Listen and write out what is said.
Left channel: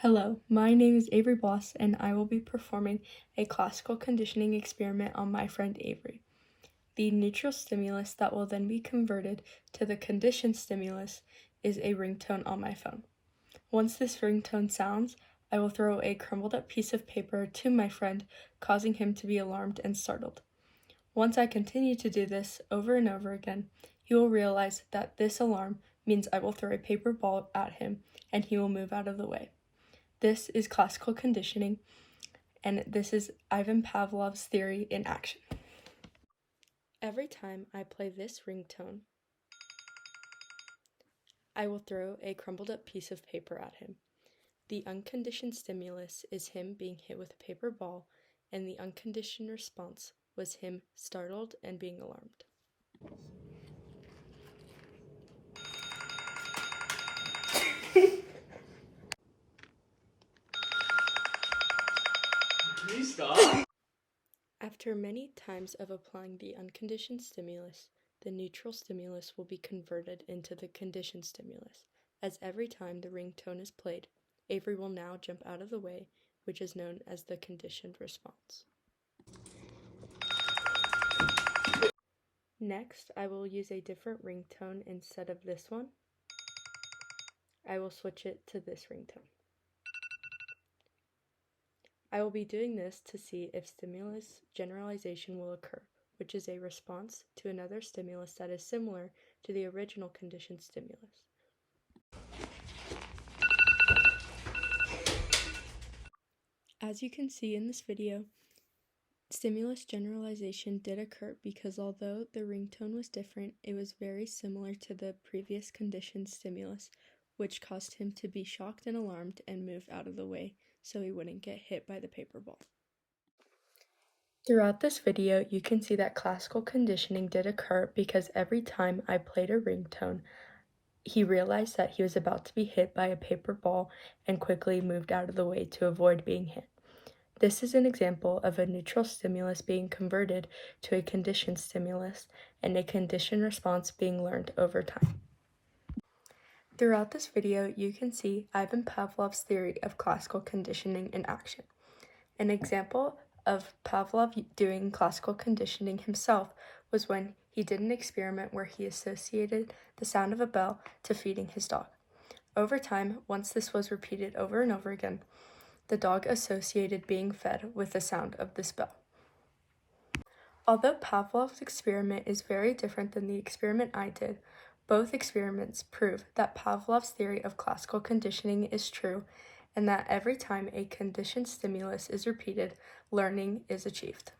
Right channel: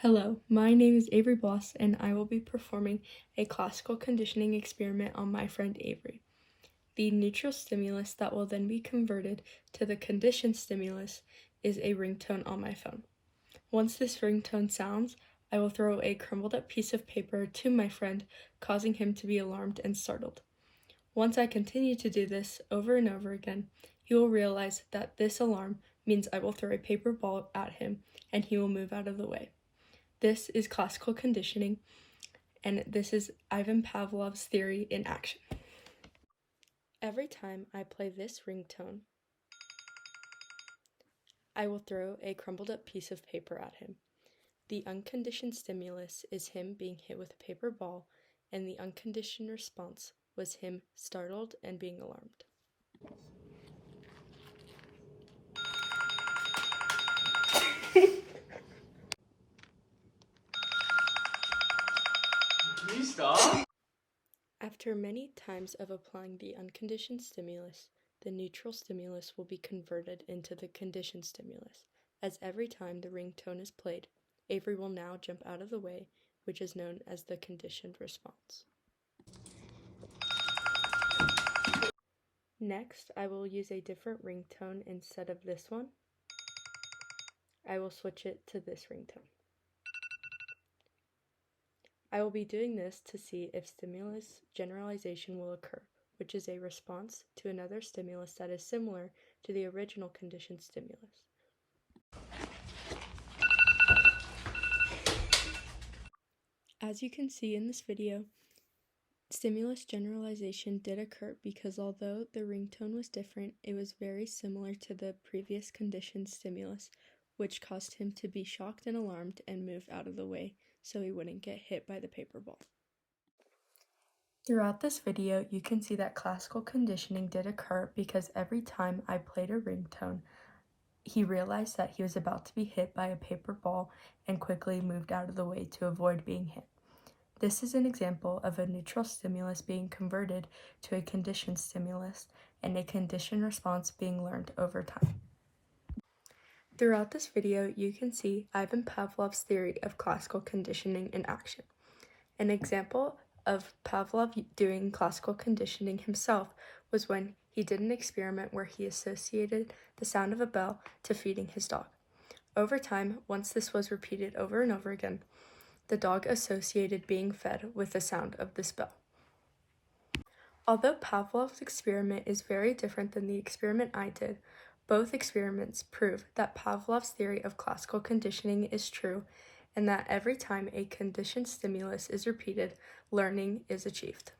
Hello, my name is Avery Bloss, and I will be performing a classical conditioning experiment on my friend Avery. The neutral stimulus that will then be converted to the conditioned stimulus is a ringtone on my phone. Once this ringtone sounds, I will throw a crumbled up piece of paper to my friend, causing him to be alarmed and startled. Once I continue to do this over and over again, he will realize that this alarm means I will throw a paper ball at him and he will move out of the way. This is classical conditioning, and this is Ivan Pavlov's theory in action. Every time I play this ringtone, I will throw a crumbled up piece of paper at him. The unconditioned stimulus is him being hit with a paper ball, and the unconditioned response was him startled and being alarmed. Can you stop? After many times of applying the unconditioned stimulus, the neutral stimulus will be converted into the conditioned stimulus, as every time the ringtone is played, Avery will now jump out of the way, which is known as the conditioned response. Next, I will use a different ringtone instead of this one. I will switch it to this ringtone. I will be doing this to see if stimulus generalization will occur, which is a response to another stimulus that is similar to the original conditioned stimulus. As you can see in this video, stimulus generalization did occur because although the ringtone was different, it was very similar to the previous conditioned stimulus, which caused him to be shocked and alarmed and move out of the way so he wouldn't get hit by the paper ball. Throughout this video, you can see that classical conditioning did occur because every time I played a ringtone, he realized that he was about to be hit by a paper ball and quickly moved out of the way to avoid being hit. This is an example of a neutral stimulus being converted to a conditioned stimulus and a conditioned response being learned over time. Throughout this video, you can see Ivan Pavlov's theory of classical conditioning in action. An example of Pavlov doing classical conditioning himself was when he did an experiment where he associated the sound of a bell to feeding his dog. Over time, once this was repeated over and over again, the dog associated being fed with the sound of this bell. Although Pavlov's experiment is very different than the experiment I did, both experiments prove that Pavlov's theory of classical conditioning is true and that every time a conditioned stimulus is repeated, learning is achieved.